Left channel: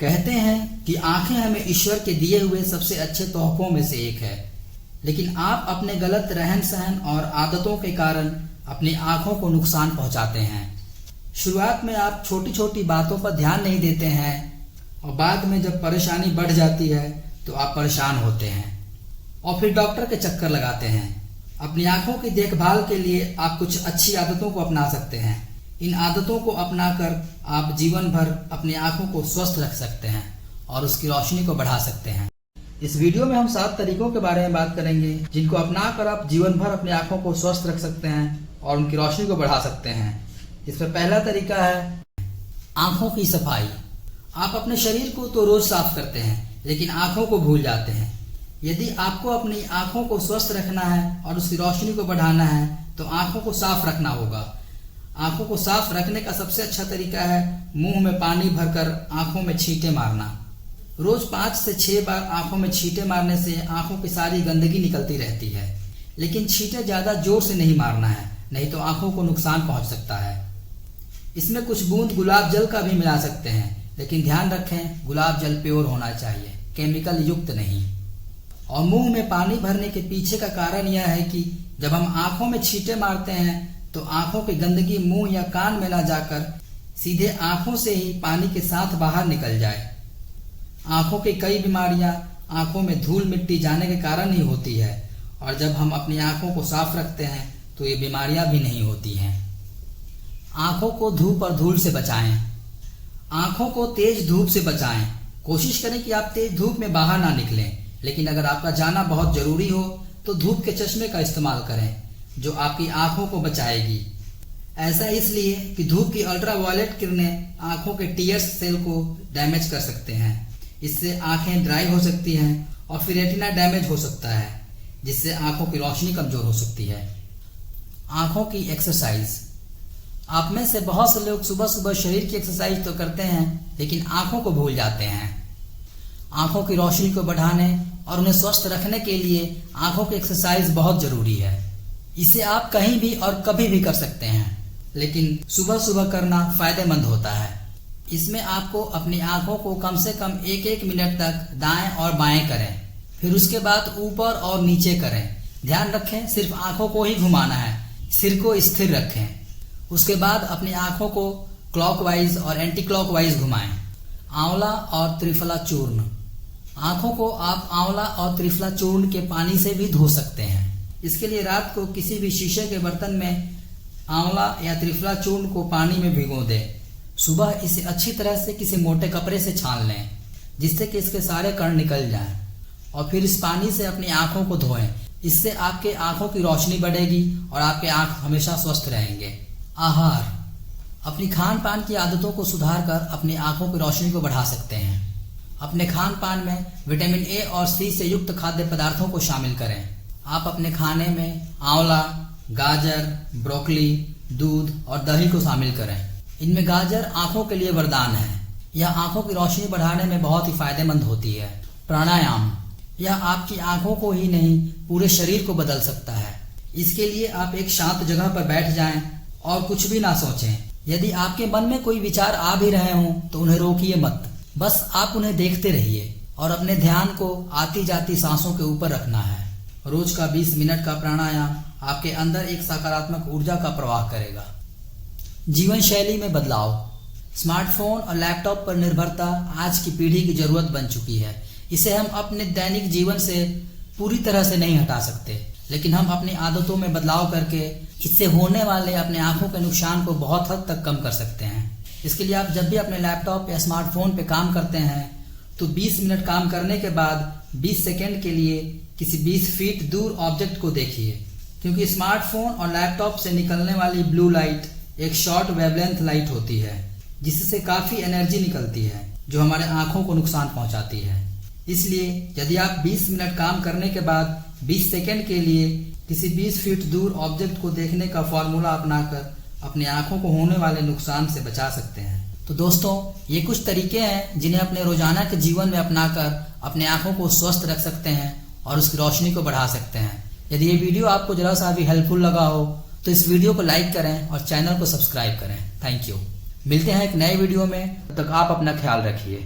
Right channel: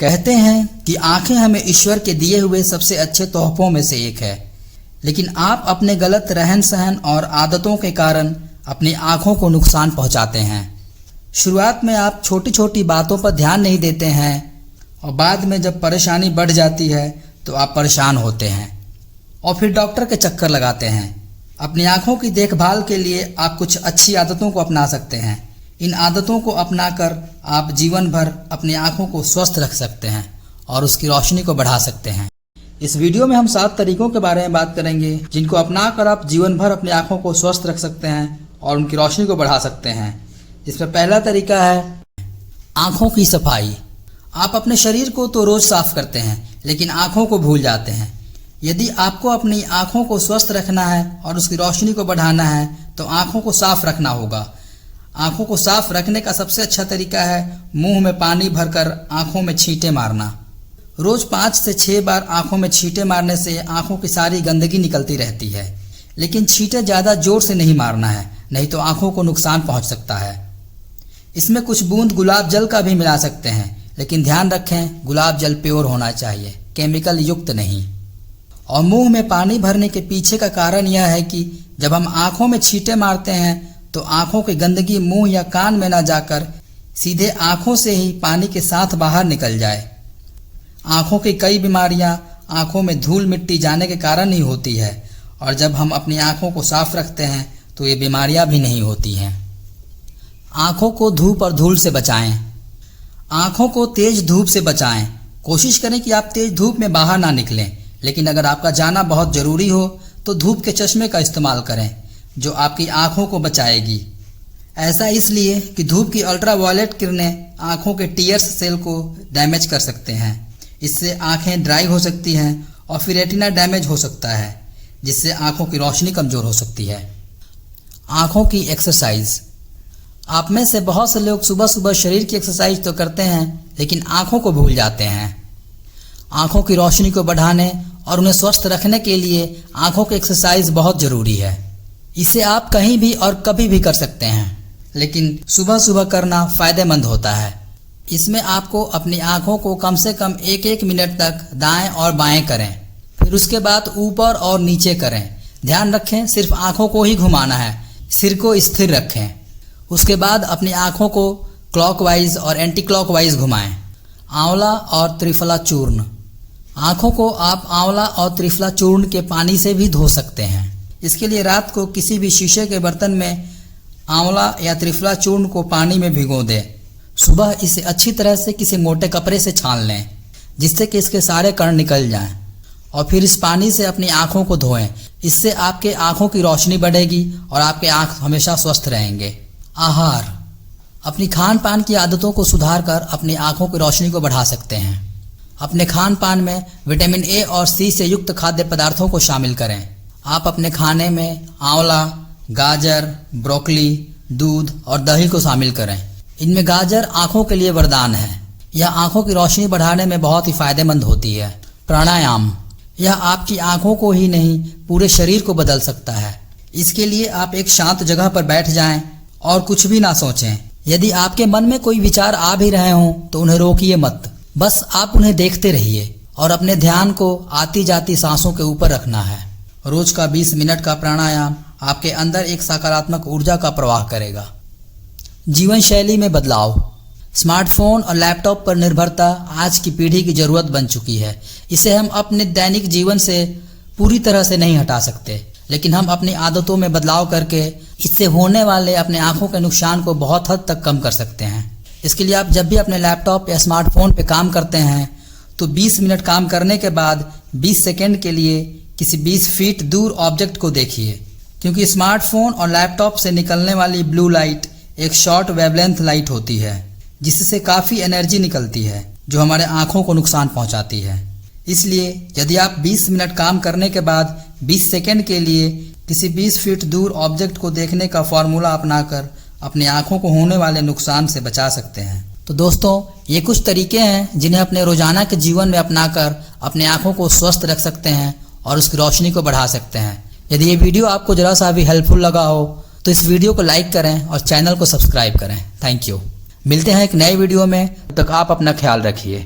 कहते हैं कि आंखें हमें ईश्वर के दिए हुए सबसे अच्छे तोहफों में से एक है, लेकिन आप अपने गलत रहन सहन और आदतों के कारण अपनी आंखों को नुकसान पहुंचाते हैं। शुरुआत में आप छोटी छोटी बातों पर ध्यान नहीं देते हैं और बाद में जब परेशानी बढ़ जाती है तो आप परेशान होते हैं और फिर डॉक्टर के चक्कर लगाते हैं। अपनी आंखों की देखभाल के लिए आप कुछ अच्छी आदतों को अपना सकते हैं। इन आदतों को अपनाकर आप जीवन भर अपनी आंखों को स्वस्थ रख सकते हैं और उसकी रोशनी को बढ़ा सकते हैं। इस वीडियो में हम 7 तरीकों के बारे में बात करेंगे जिनको अपनाकर आप जीवन भर अपनी आंखों को स्वस्थ रख सकते हैं और उनकी रोशनी को बढ़ा सकते हैं। इसमें पहला तरीका है आंखों की सफाई। आप अपने शरीर को तो रोज साफ करते हैं लेकिन आंखों को भूल जाते हैं। यदि आपको अपनी आंखों को स्वस्थ रखना है और उसकी रोशनी को बढ़ाना है तो आंखों को साफ रखना होगा। आंखों को साफ रखने का सबसे अच्छा तरीका है मुंह में पानी भरकर आंखों में छींटे मारना। रोज 5 से 6 बार आंखों में छींटे मारने से आंखों की सारी गंदगी निकलती रहती है, लेकिन छींटे ज़्यादा जोर से नहीं मारना है, नहीं तो आंखों को नुकसान पहुंच सकता है। इसमें कुछ बूंद गुलाब जल का भी मिला सकते हैं, लेकिन ध्यान रखें गुलाब जल प्योर होना चाहिए, केमिकल युक्त नहीं। और मुंह में पानी भरने के पीछे का कारण यह है कि जब हम आंखों में छींटे मारते हैं तो आंखों की गंदगी मुंह या कान में न जाकर सीधे आंखों से ही पानी के साथ बाहर निकल जाए। आंखों की कई बीमारियां आंखों में धूल मिट्टी जाने के कारण ही होती है और जब हम अपनी आंखों को साफ रखते हैं तो ये बीमारियां भी नहीं होती हैं। आंखों को धूप और धूल से बचाएं। आंखों को तेज धूप से बचाएं। कोशिश करें कि आप तेज धूप में बाहर ना निकलें, लेकिन अगर आपका जाना बहुत ज़रूरी हो तो धूप के चश्मे का इस्तेमाल करें जो आपकी आंखों को बचाएगी। ऐसा इसलिए कि धूप की अल्ट्रावायलेट किरणें आंखों के टीयर्स सेल को डैमेज कर सकते हैं। इससे आंखें ड्राई हो सकती हैं और फिर रेटिना डैमेज हो सकता है, जिससे आंखों की रोशनी कमज़ोर हो सकती है। आंखों की एक्सरसाइज। आप में से बहुत से लोग सुबह सुबह शरीर की एक्सरसाइज तो करते हैं लेकिन आंखों को भूल जाते हैं। आंखों की रोशनी को बढ़ाने और उन्हें स्वस्थ रखने के लिए आंखों की एक्सरसाइज बहुत ज़रूरी है। इसे आप कहीं भी और कभी भी कर सकते हैं, लेकिन सुबह सुबह करना फ़ायदेमंद होता है। इसमें आपको अपनी आंखों को कम से कम 1-1 मिनट तक दाएं और बाएं करें, फिर उसके बाद ऊपर और नीचे करें। ध्यान रखें सिर्फ आंखों को ही घुमाना है, सिर को स्थिर रखें। उसके बाद अपनी आंखों को क्लॉकवाइज और एंटी क्लॉकवाइज घुमाएं। आंवला और त्रिफला चूर्ण। आंखों को आप आंवला और त्रिफला चूर्ण के पानी से भी धो सकते हैं। इसके लिए रात को किसी भी शीशे के बर्तन में आंवला या त्रिफला चूर्ण को पानी में भिगो दें। सुबह इसे अच्छी तरह से किसी मोटे कपड़े से छान लें जिससे कि इसके सारे कण निकल जाएं और फिर इस पानी से अपनी आंखों को धोएं। इससे आपके आंखों की रोशनी बढ़ेगी और आपके आंख हमेशा स्वस्थ रहेंगे। आहार। अपनी खान पान की आदतों को सुधार कर अपनी आंखों की रोशनी को बढ़ा सकते हैं। अपने खान पान में विटामिन ए और सी से युक्त खाद्य पदार्थों को शामिल करें। आप अपने खाने में आंवला, गाजर, ब्रोकली, दूध और दही को शामिल करें। इनमें गाजर आंखों के लिए वरदान है। यह आंखों की रोशनी बढ़ाने में बहुत ही फायदेमंद होती है। प्राणायाम। यह आपकी आंखों को ही नहीं पूरे शरीर को बदल सकता है। इसके लिए आप एक शांत जगह पर बैठ जाएं और कुछ भी ना सोचें। यदि आपके मन में कोई विचार आ भी रहे हों तो उन्हें रोकिए मत, बस आप उन्हें देखते रहिए और अपने ध्यान को आती जाती सांसों के ऊपर रखना है। रोज का 20 मिनट का प्राणायाम आपके अंदर एक सकारात्मक ऊर्जा का प्रवाह करेगा। जीवन शैली में बदलाव। स्मार्टफोन और लैपटॉप पर निर्भरता आज की पीढ़ी की जरूरत बन चुकी है। इसे हम अपने दैनिक जीवन से पूरी तरह से नहीं हटा सकते, लेकिन हम अपनी आदतों में बदलाव करके इससे होने वाले अपने आंखों के नुकसान को बहुत हद तक कम कर सकते हैं। इसके लिए आप जब भी अपने लैपटॉप या स्मार्टफोन पे काम करते हैं तो 20 मिनट काम करने के बाद 20 सेकेंड के लिए किसी 20 फीट दूर ऑब्जेक्ट को देखिए, क्योंकि स्मार्टफोन और लैपटॉप से निकलने वाली ब्लू लाइट एक शॉर्ट वेवलेंथ लाइट होती है जिससे काफ़ी एनर्जी निकलती है जो हमारे आंखों को नुकसान पहुंचाती है। इसलिए यदि आप 20 मिनट काम करने के बाद 20 सेकेंड के लिए किसी 20 फीट दूर ऑब्जेक्ट को देखने का फॉर्मूला अपनाकर अपनी आंखों को होने वाले नुकसान से बचा सकते हैं। तो दोस्तों, ये कुछ तरीके हैं जिन्हें अपने रोजाना के जीवन में अपनाकर अपनी आंखों को स्वस्थ रख सकते हैं और उसकी रोशनी को बढ़ा सकते हैं। यदि ये वीडियो आपको जरा सा भी हेल्पफुल लगा हो तो इस वीडियो को लाइक करें और चैनल को सब्सक्राइब करें। Thank you. मिलते हैं एक नए वीडियो में, तब तक आप अपना ख्याल रखिए।